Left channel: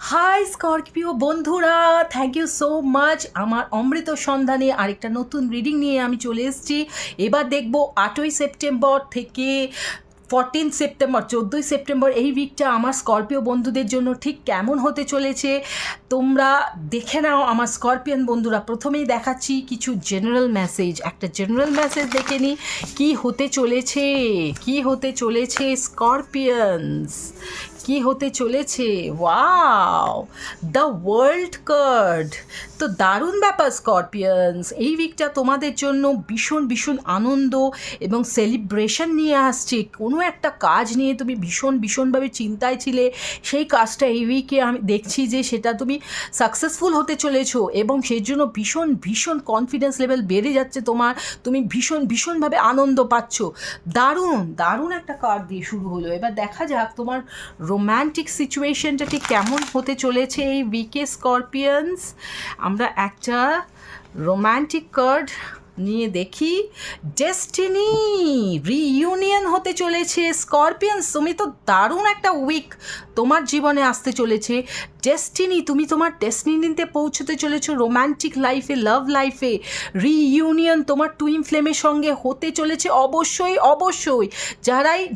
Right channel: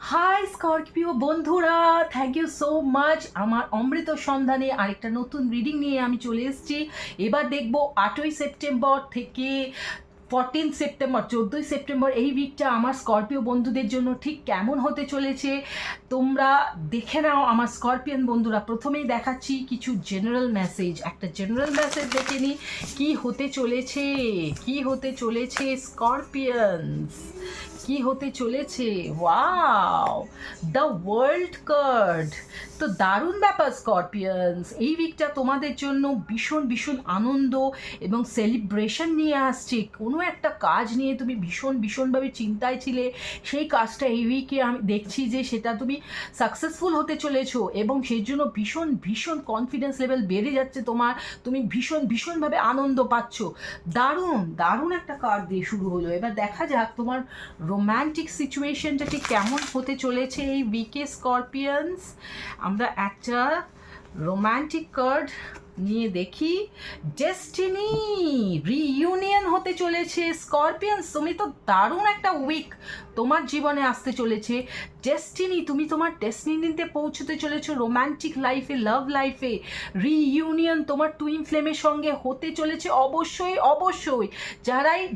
High Scorpio বন্ধুরা, thank you so much. আমার অমৃত সন্ধানে আরেকটা নতুন রিডিং নিয়ে আমি চলে এসেছি। এবার দেখব 8ই সেপ্টেম্বর থেকে 14 সেপ্টেম্বর, 14ই সেপ্টেম্বর এই উইকটা আমার স্করপিও বন্ধুদের জন্য ঠিক কেমন হতে চলেছে তোমরা দেখে নাও। আমার স্করপিয়ান বন্ধুরা, প্রথমেই দেখাচ্ছি কিছু জেনারেল মেসেজ। একটা জেনারেল মেসেজ দেখে নিই কী হতে চলেছে, কী হতে চলেছে স্করপিয়ানস, কি হতে চলেছে। Wow, the world card. তো দারুণ ব্যাপার স্করপিয়ানস, এই উইকটা তোমাদের জন্য ভীষণ ভীষণ আনন্দ এবং সেলিব্রেশন নিয়ে আসছে। কোনো একটা কাজ নিয়ে তুমি ভীষণভাবে চিন্তায় ছিলে, সেই কাজটা এই উইকে আমি দেখছি যে সেটা তুমি সাকসেসফুল হতে চলেছো এবং সেই জন্য ভীষণ কনফিডেন্স লেভেল বেড়ে যাচ্ছে তোমার। তুমি ভীষণভাবে আনন্দ পাচ্ছ। দারুণ একটা কার্ড দিয়ে শুরু হলো। এবার দেখা যাক তোমার রোম্যান্টিক সিচুয়েশনটা ঠিক কেমন হতে চলেছে এই উইকে স্করপিয়ানস। আমরা একটা রোম্যান্টিক কার্ড নিয়ে দেখি। ডেস্টিনি রিইউনিয়ন হতে চলেছে স্করপিয়ানস। তুমি তো দারুণ একটা উইক তোমার জীবনে আসতে চলেছে। ডেস্টিনি, তুমি তোমার ডেস্টিনিতে পৌঁছতে চলেছো রোম্যান্টিক লাইফে, লাভ লাইফে। রিইউনিয়ন তোমার টুইন ফ্লেমের সঙ্গে হতে চলেছে। অবশ্যই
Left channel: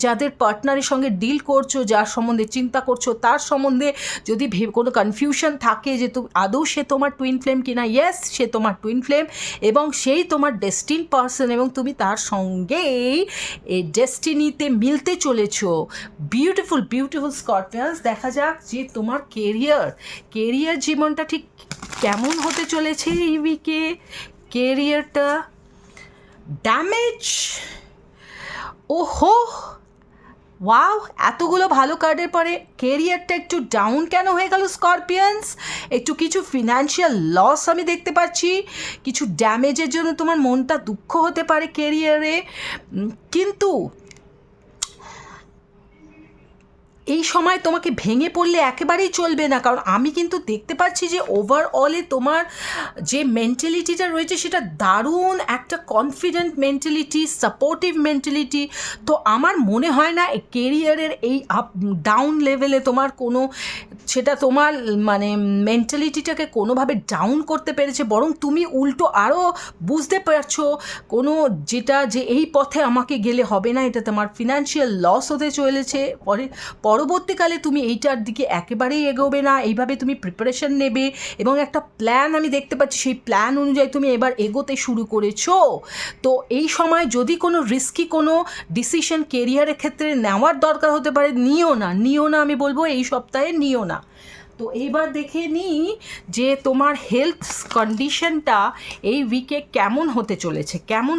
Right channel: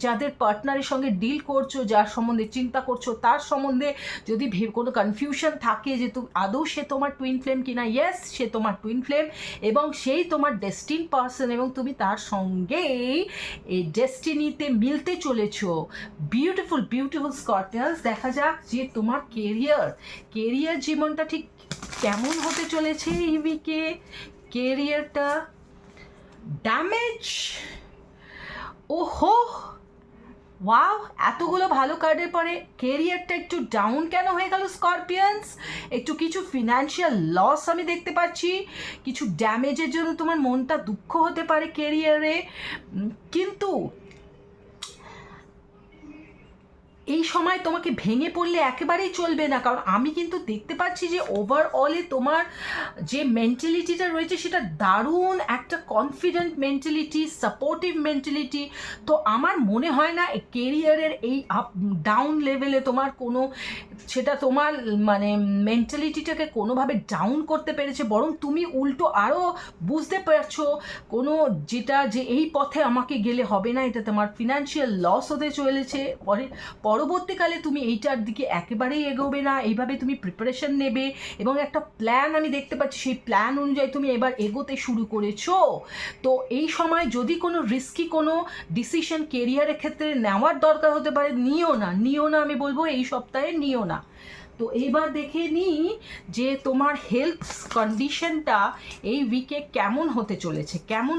যাদের পার্টনারের সঙ্গে ডিল করছো, যার সম্বন্ধে চিন্তা করছো, তার সম্বন্ধে যদি কোনো কনফিউশন থাকে যে আদৌ সে তোমার টুইন ফ্লেম কিনা, ইয়েস সে তোমার টুইন ফ্লেম এবং সেই তোমার ডেস্টিন পার্সন এবং তুমি তার সঙ্গেই এই ডেস্টিনিতে মিলতে চলেছো। বিউটিফুল স্করপিয়ানস। দেখা যাক যে তোমার কেরিয়ার জীবনটা ঠিক কেমন হতে চলেছে এই উইকে। কেরিয়ারটা ড্যামেজ, ওহো ওয়াও, এতগুলো ভালো কার্ডের পরে কেরিয়ারটা একটু ডাউন কেন হয়ে গেল স্করপিয়ানস? একটু কিছু ফিনান্সিয়াল লস আমি দেখতে পাচ্ছি, কিছু ড্যামেজের জন্য তোমার মনটা দুঃখ হতে পারে কেরিয়ারে। কিন্তু এই সময় তোমাকে ভেঙে পড়লে একেবারেই চলবে না, কারণ আমি কিন্তু দেখতে পাচ্ছি যে ওভারঅলে তোমার যে মেন্টালিটিটা রয়েছে সেটা দারুণ একটা কনফিডেন্ট মেন্টালিটি, সাপোর্টিভ মেন্টালিটি। তো আমার মনে হয় না কেরিয়ারের এই আপ ডাউন লেভেলে তোমার কোনো, সেটা তোমার মানে মেন্টালিটিটাকে কোনোভাবে ডাউন করতে পেরেছে, বরং তুমি উল্টো আরও বুঝতে পারছো কোনো যেটা যে এই পথে আমাকে গেলে হবে না, এটা তোমার ফিনান্সিয়াল লস হতে চলেছে। পরবর্তীকালে তুমি এইটার দিকে একেবারেই এগোবে না, এইভাবে তুমি প্রিপারেশন নেবে এবং একটা প্ল্যান আমি দেখতে পাচ্ছি, সেই প্ল্যান অনুযায়ী তুমি এবার এগোতে শুরু করেছো। তো এই সময় যদি কোনো রিস্কি কোনো ডিসিশন কেরিয়ারের ক্ষেত্রে নেওয়ার দরকার হতে পারে, নিও না, আমি বলবো এই সপ্তাহে নিও না। তো এবার দেখে নিই যে তোমার হেলথ কন্ডিশনটা এই উইকে কেমন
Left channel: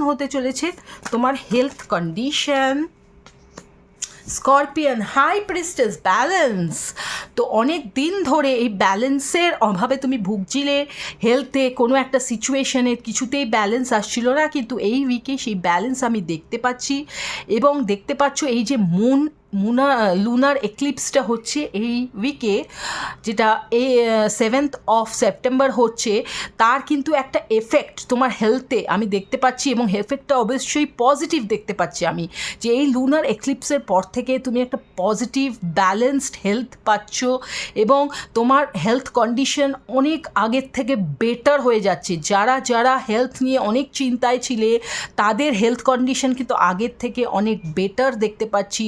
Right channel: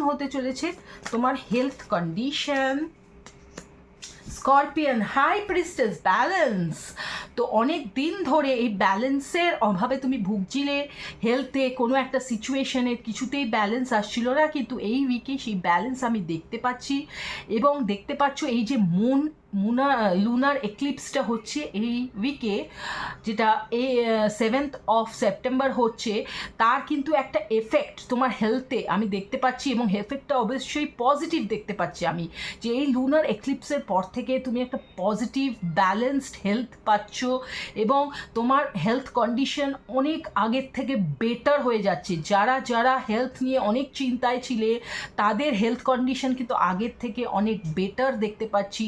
হতে চলেছে তোমার health condition. Scorpion high priestess, balance. তো অনেক দিন ধরে এই ব্যালেন্সের অভাবে তুমি ভুগছিলে, হেলথে কোনো একটা সিচুয়েশনে কিছুতেই ব্যালেন্স আসছিল না, কিন্তু এই উইকে সেই ব্যালেন্স আমি দেখতে পাচ্ছি এবং দেখতে পাচ্ছ এই যে লুনার এক্লিপসটা হচ্ছে এই উইকে, যেটা এই 7th অফ সেপ্টেম্বর হচ্ছে, তার কিন্তু একটা এফেক্ট তোমার হেলথে আমি দেখতে পাচ্ছি এবং এফেক্টটা অবশ্যই পজিটিভ দেখতে পাচ্ছি আমি, যে এই লুনার এক্লিপসের পর থেকে তুমি একটা পজিটিভ ব্যালেন্সড হেলথ পাচ্ছ এবং তোমার হেলথ কন্ডিশন অনেক আগের থেকে বেটার হয়ে যাচ্ছে। যারা হেলথ নিয়ে অনেক চিন্তায় ছিলে তাদের হেলথ কন্ডিশন কিন্তু আগের থেকে অনেক বেটার দেখতে পাচ্ছি,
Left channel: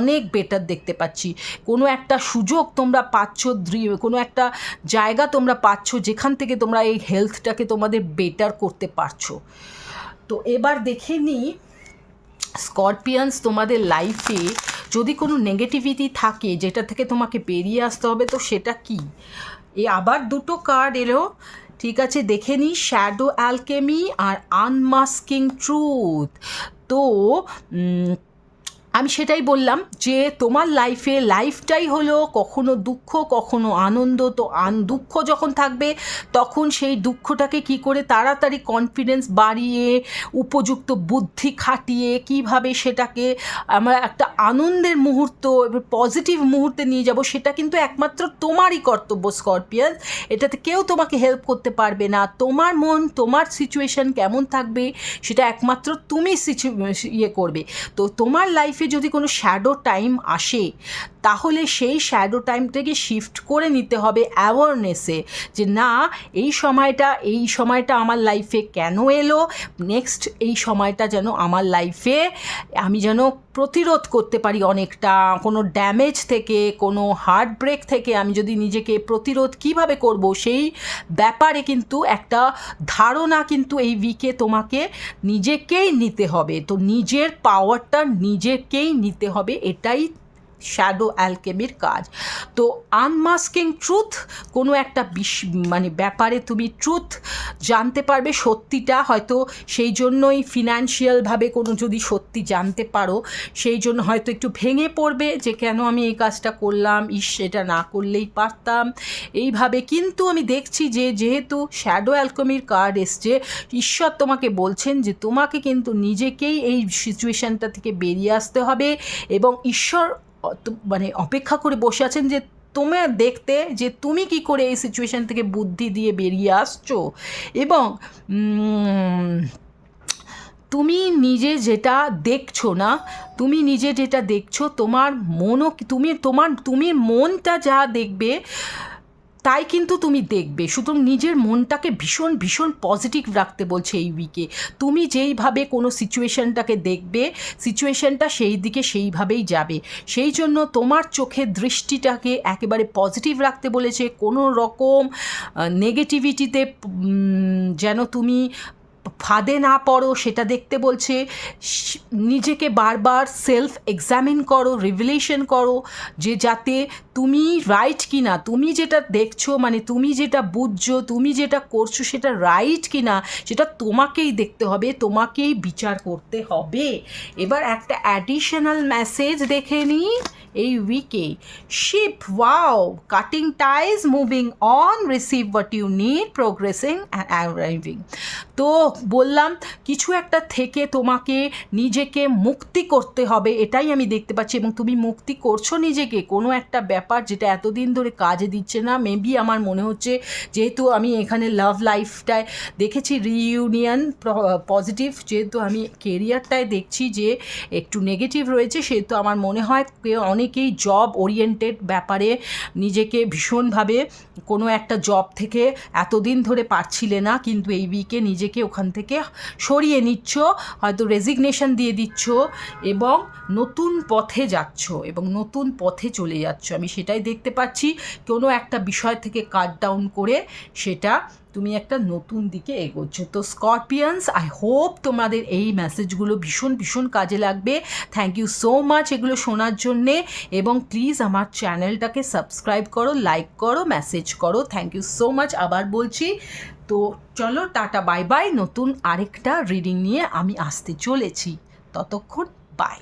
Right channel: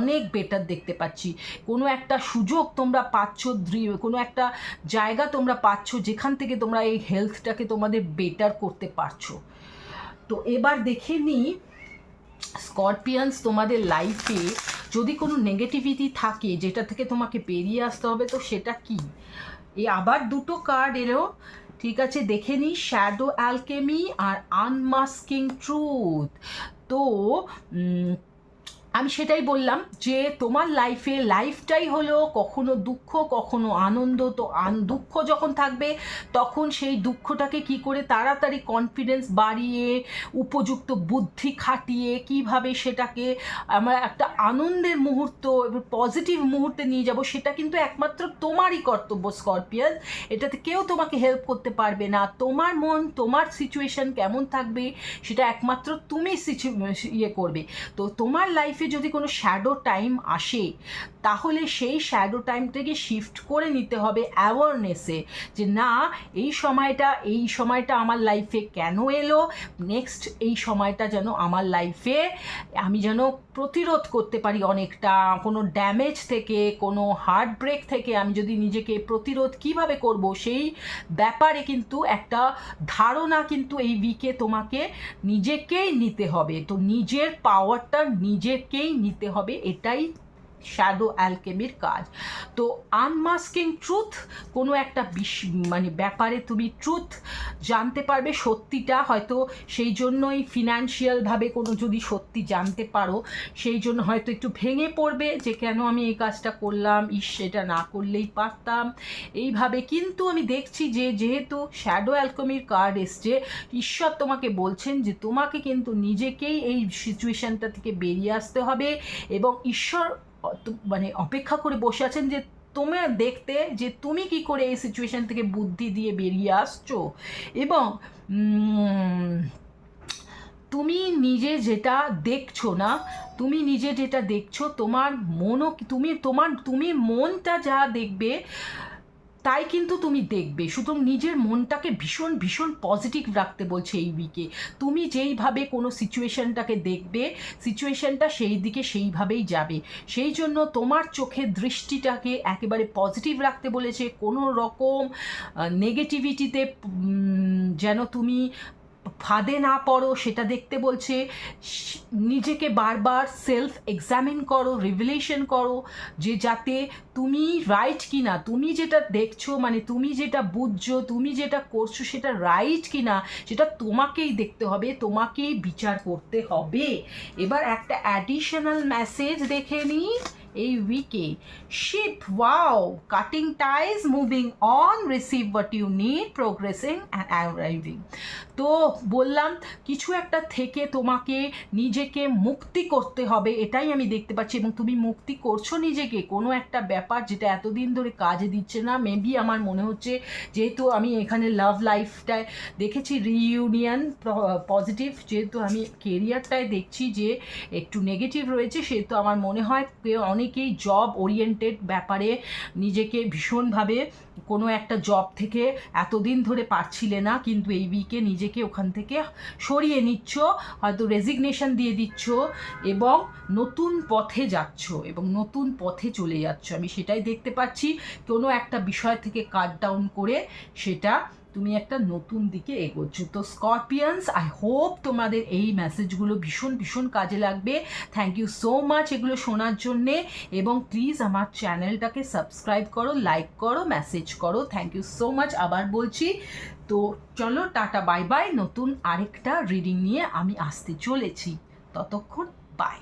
অনেক বেটার দেখতে পাচ্ছি। কোনো একটা সুযোগ তোমরা পাচ্ছ, কোনো একটা জায়গা তোমরা পাচ্ছ যেখান থেকে তোমরা এই হেলথটাকে তোমাদের বেটার করতে পারছো। তো এবার দেখে নিই স্করপিয়ানস, তোমাদের লাইফে যদি কোনো নেগেটিভিটি থাকে যেটা থেকে তোমাকে বেরিয়ে আসতে হবে, তো সেটা কি? আবার দুটো কার্ড এলো, ঠিক আছে, দেখে নিই। শ্যাডো অ্যালকেমি আর আনমাস্কিং ট্রুথ। তো আমি সেটাই বললাম যে তোমার লাইফটাই হলো কখনো দুঃখ কখনো আনন্দ। তো দুঃখ যখন থাকবে তখন সেই দুঃখটাকে কি করে তাড়াতাড়ি কনফিডেন্স বাড়িয়ে উপযুক্ত বুদ্ধি খাটিয়ে কিভাবে সেটাকে আমরা একটা আনন্দের মুহূর্ত এবং পজিটিভ মুহূর্তে নিয়ে যাব, সেটা কিন্তু একমাত্র তোমারই কর্তব্য স্করপিয়ান। এটাতে কেউ তোমাকে হেল্প করতে পারবে না। তোমার মন, তোমার সিচুয়েশন কেমন থাকবে সেটা একমাত্র তুমি করবে। তো তোমার লাইফে লাইফে যদি কোনো শ্যাডো টাইম আসে তাহলে সেই শ্যাডো টাইমটাকে শিফট করে নিতে হবে অ্যাওয়ারনেসে, যে না এই সময়টা আমার লাইফে কেন এলো, নেক্সট এই সময়টা যেন আমার লাইফে আমি যেন প্রতিরোধ করতে পারি অনেকটা, কোনো ড্যামেজ থেকে, কোনো হার্ট ব্রেক থেকে আমি যদি নিজেকে প্রতিরোধ কিভাবে করব সেই ব্যাপারে কিন্তু একটা ধারণা কিন্তু এই উইকে তোমাকে নিজেকেই নিতে হবে। তো নিজের পাওয়ারটা নিজেকেই নিতে হবে, এটাই শ্যাডো অ্যালকেমির কাজ। তো আনমাস্কিং ট্রুথ, কোনো একটা মানে ব্যাপারে তুমি ট্রুথ জানতে পারবে, সত্যিটা হয়তো সেই জন্যই ফিনান্সিয়ালভাবে কোনো যদি সত্যি জানতে পারো সেই জন্য হয়তো একটু ভেঙে পড়বে যে কেন আমি এই কাজটা করলাম, এটা না করলেই পারতাম এইভাবে। কিন্তু আমি দেখছি যে যেহেতু শ্যাডো অ্যালকেমির কার্ড এসছে, ঈশ্বর তোমাকে বলছেন যে তোমাকে কিন্তু নিজেকেই এই সিচুয়েশানটা থেকে বেরিয়ে আসতে হবে, এবং ঈশ্বর মানে অপেক্ষা করে বসে আছেন যে তোমার দেখতে যে তুমি কি করে এই সিচুয়েশান থেকে বুদ্ধি দিয়ে বেরিয়ে আসছো। এবং তুমি নিজে যেটা দেখছো না, তুমি নিজে যেটা দেখছো, তোমার মনও তুমি মনটা যা দেখবে তাই কিন্তু তুমি দেখবে। সুতরাং নিজের মনটাকে ভীষণ ভীষণ পজিটিভ রাখতে বলছে এই উইকে। তুমি যেইভাবে কোনো সিচুয়েশানটাকে দেখবে, সিচুয়েশানটা সেই দিকে সেইভাবেই যাবে। সেই জন্য তোমার চোখের দৃষ্টিটাকে একেবারে পজিটিভ রাখতে বলেছে, কোনো রকম নেগেটিভিটিতে যেন তুমি ফাঁদে না পড়ো সেটা দেখতে বলছে। নিজেকে বারবার সেলফ এক্সামিন করো, রিভিলেশন করো, যে যাতে তুমি রাইট কি না, তুমি যেটা দেখছো মানে তুমি যেটা বুঝছো, তুমি যেটা করছো সেটা রাইট কি না সেটা তোমাকেই দেখতে হবে, তোমাকেই বিচার করতে হবে। এবার একটা অ্যাডিশনাল মেসেজ দেখে নিই এই উইকে। Ship, wow, cutting ties, moving on, receive what you need, progressing and arriving. তো বললাম কিছু একটা থেকে তোমাকে নিজেকে মুক্তি করতে হবে, এটাই আমি দেখতে পাচ্ছি, এবং তুমি মুক্তি করছো নিজেকে। কোনো একটা ব্যাপার যেটা এতদিন ধরে কাজে দিচ্ছে না, মেবি আমার মনে হচ্ছে, যেহেতু আমি এখানে লাভ লাইফটায় দেখেছি রিইউনিয়ন পজিটিভ, যেহেতু আমি কেরিয়ারটায় দেখছি যে একটু নেগেটিভ রয়েছে, সেহেতু আমার মনে হয় অনেকেই জব ওরিয়েন্টেড ব্যাপারে নিজেকে ভীষণভাবে কোনো একটা জব থেকে এতদিন ধরে পারছিলে না, কিন্তু এই উইকে নিজেকে ওখান থেকে সরিয়ে নিচ্ছ, হয়তো রেজিগনেশন দিয়ে দিচ্ছ এবং নতুন পথে যাচ্ছ এবং নতুন পথে চলে যাচ্ছ। আমি সেটাই দেখতে পাচ্ছি, কোনো একটা বিষয় থেকে কাট ডাউন করে সেটা তুমি একটা নতুন দিকে এগোচ্ছ। তো স্করপিয়ান্স, আই হোপ তোমাদের এই মেসেজগুলো ভীষণ ভীষণ কাজে লাগবে। থ্যাংক ইউ সো মাচ এগুলো শোনার জন্যে, এবং প্লিজ আমার চ্যানেলটাকে সাবস্ক্রাইব করো, লাইক করো, মেসেজ করো। থ্যাংক ইউ সো মাচ আবার বলছি। তো চলো টাটা, বাই বাই। নতুন আরেকটা রিডিং নিয়ে আমি আসতে চলেছি, ততক্ষণ বাই।